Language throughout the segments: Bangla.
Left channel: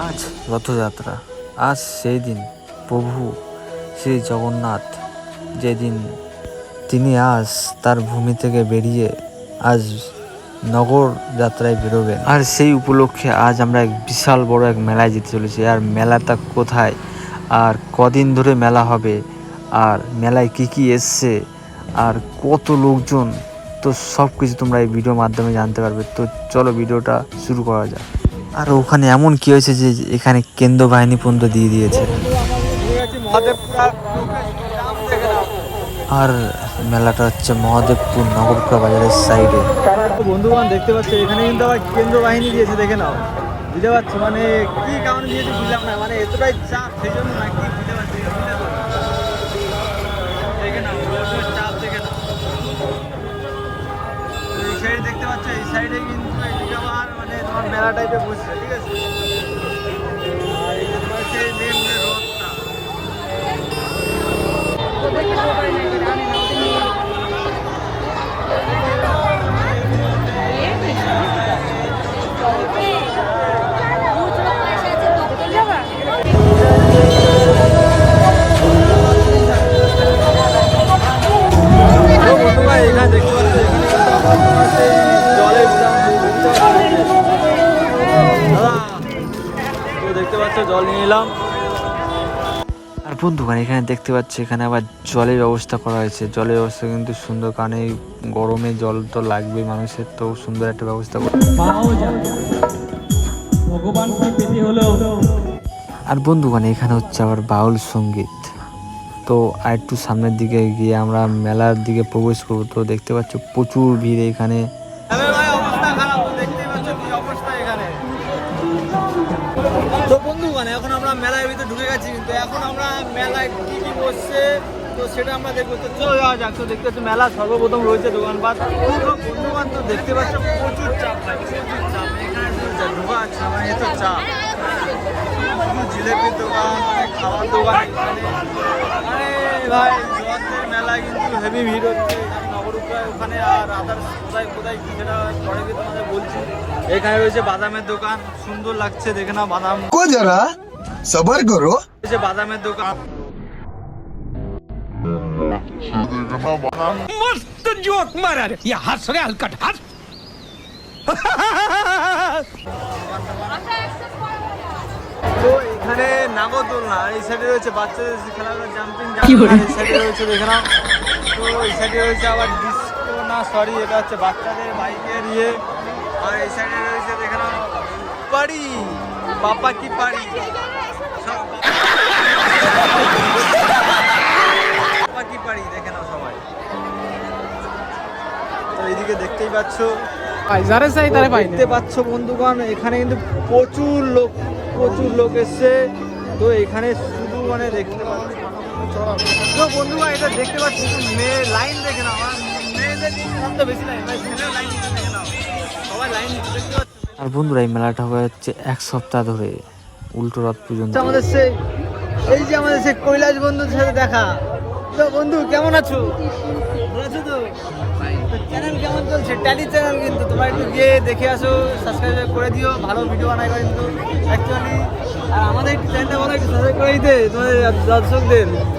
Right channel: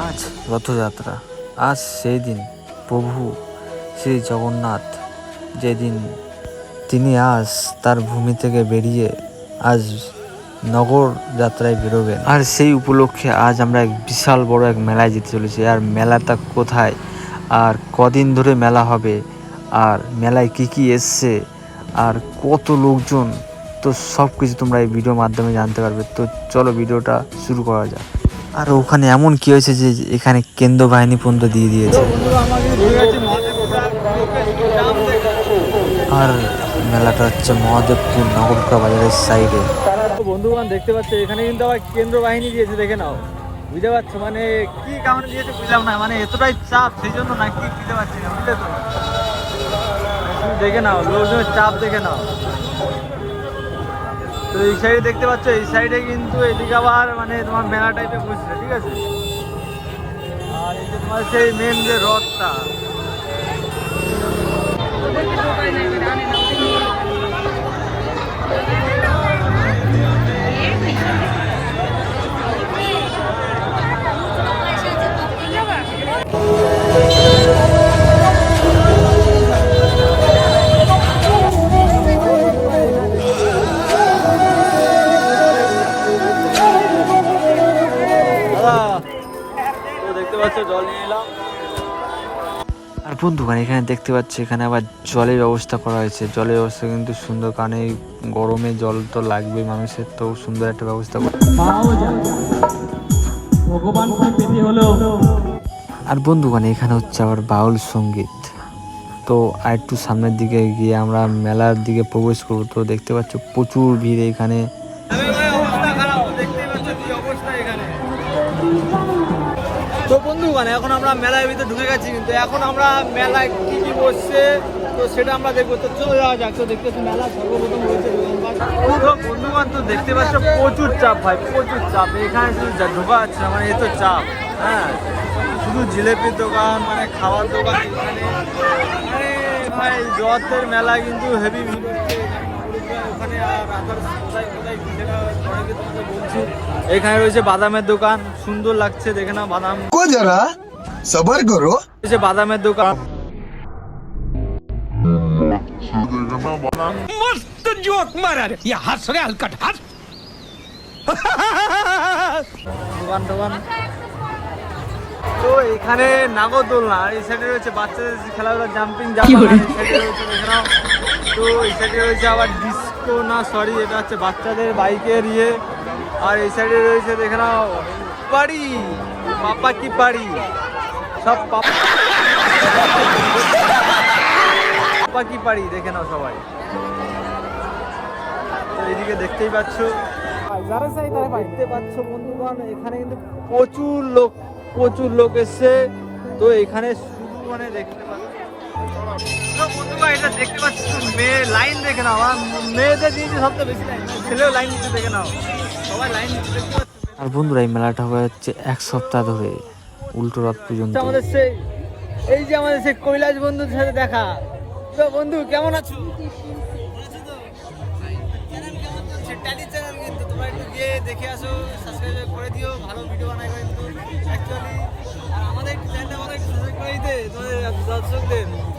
আজ রথযাত্রা, আজ সেই দিন প্রভু শ্রী জগন্নাথ যেদিন তিনি আজ তার ভূমি থেকে বেরিয়ে আজ নগর যাত্রায় বেরোবেন। আর সেই উপলক্ষে আজ আমরা এক বিশাল বড় এক মেলায় যেতে চলেছি। আর মেলাটা কোথায়? আর কদিন ধরে মেলা হবে? আর মেলায় কি কি এসছে? আর কত লোকজন? তো সব কিছু তোমরা এই ভিডিওর মাধ্যমে জানতে পারবে। তো চলো ভিডিওটা শুরু করা যাক। আর ওখানে এমন কি হয়েছে যে এখানে কেন্দ্র বাহিনী পর্যন্ত দিয়ে দিয়েছে? আর মেলাটা হচ্ছে মহাদেবপুর নগরকা বাজারের সাইডে দেখে না চাপ দেখে নাও। তো এই সাইডে দেখতে পাচ্ছ, এই সাইডে কিন্তু এদিকে আবার মানে তোমার মেলা টাইপে বসছে, ঠিক আছে? আর এই যে তোমার সেই মেন যে রথটা। দেখতে পাচ্ছ জল নিয়ে নিলাম। আর বন্ধুগণ এখানে দেখতে পাচ্ছি এখানে আবার জলের ব্যবস্থা করা হয়েছে। জলের ব্যবস্থা কিন্তু সুন্দর কারণ এই গরমে জল তো লাগবে মানুষের তো সুন্দর একটা ব্যবস্থা আর বন্ধুগণ এখানে হচ্ছে আবার বাউল সংগীত। তো আর একটু সামনের দিকে গিয়ে আমরা মেলার দিকে প্রবেশ করব। তো দেখতে পাচ্ছ প্রচুর ভিড় এখানে। অবস্থা খারাপ তো পাচ্ছ কি অবস্থা এখানে। তো বন্ধুগণ এখন আমরা মেলার ভিতরে ঢুকে গেছি কিন্তু এখন আমরা মেলায় কি কি বসছে তো সেটা আমরা দেখব। তো চলে যাওয়া যাক। তো দেখতে মেলা সর্বপ্রথম রয়েছে দোকানপাট। তো বন্ধুগণ তো দেখতে পাচ্ছ প্রচুর চাপ ভাই প্রচুর চাপ। এখানে শুধু ঢোকা যাচ্ছে না, মানে এত চাপ হ্যাঁ? শুধু জিলেপির দোকান মানে খাবার দোকান এখানে। আরে ভাই রথের মেলা কিন্তু হেভি ভিড় হচ্ছে। ওখানে আর আদার্স কোথায় কোথায় সেটা পরে গিয়ে তোমাদের বলছি। এখানে রয়েছে বাদামের দোকান সুন্দর লাগছে দেখে না বাদাম। কো যারা সবার করো। রয়েছে বাদামের দোকান। মস্ত জোক মারা রে ইয়া হাস হালকাট হাস দোকান দোকান। তো এখানে নাগরদোলনা আর এই সাইডে রয়েছে বাচ্চাদের খেলাধুলা জাম্পিং জাম্পিং এই সাইডে রয়েছে দেখে নাও। তো এই সাইডে রয়েছে আবার ডিস্কো না সরি এটা হচ্ছে বাচ্চাদের বাইকের ইয়ে। আর এই সাইডে রয়েছে দেখে নাও পাড়ি পাপা কি পারি সব পাপা কি পাড়ি দেখে নাও সবাই। তো এইদিকে দেখতেই পাচ্ছ। যারে চাই তারে পাই দেখতে পাচ্ছ বন্ধুগণ এখানে কিন্তু প্রচুর লোক প্রচুর লোক এসছে। তো এখানে শুধু মানে দেখতে পাচ্ছ তো বন্ধুগণ এটা দেখতে পাচ্ছ তো মেয়ে লাইন দেখে নাও আমার মেয়েদের কিন্তু সবচেয়ে বেশি লাইন মানে ছেলেও লাইন দিচ্ছে দেখে নাও। সবাই লাইন দিচ্ছে দেখতে পাচ্ছ। আর বন্ধুরা এই মেলাটা হয়ে যাচ্ছে এক সপ্তাহ ধরে উল্টো রথ পর্যন্ত। আমাদের সে এই যে আমাদের সে কৈলাস বন্ধুর সাথে দেখা। তো বন্ধু কেমন আছো? ভালো আছো তো? তো চ্যানেল কেমন চলছে? ট্যালি চ্যানেল কিন্তু তোমরা একটু গিয়ে দেখে আসো সাবস্ক্রাইব করে দিও ভালো ভিডিও বানাই কিন্তু। অ্যাকচুয়ালি আর আমাদের একটু চ্যানেলটা বলো একটু সাবস্ক্রাইব করে দিতে তোমাদের দর্শকদের।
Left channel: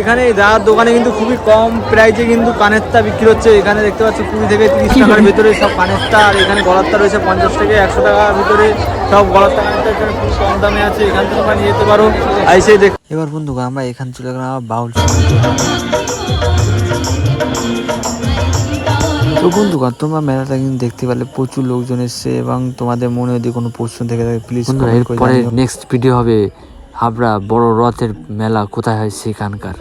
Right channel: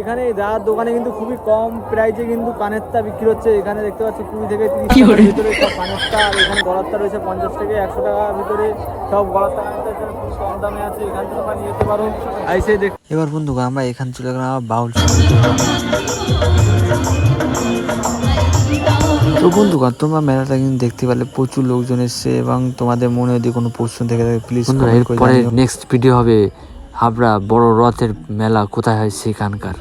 এখানে দাদার দোকানে কিন্তু খুবই কম প্রাইসে কিন্তু কানেরটা বিক্রি হচ্ছে। এখানে দেখতে পাচ্ছি কুড়ি থেকে তিরিশ টাকার ভিতরে সব কানেরটা আর এখানে গলারটা রয়েছে পঞ্চাশ থেকে একশো টাকার ভিতরে। সব গলারটা কানেরটা এখানে খুব কম দামে আছে। এখান থেকে তোমরা নিয়ে যেতে পারো। আইসে দেখ এবার বন্ধুগণ আমরা এখান চলে গেলাম বাউল তো বন্ধুগণ তোমরা মেলাটা কিন্তু দেখতে পারলে প্রচুর লোকজন এসছে এবং তোমাদের মনে যদি কোনো প্রশ্ন থেকে থাকে প্লিজ এরপরে নেক্সট ভিডিও হবে হাবড়া বড় রথের মেলা। কোথায় হয় সেখানকার?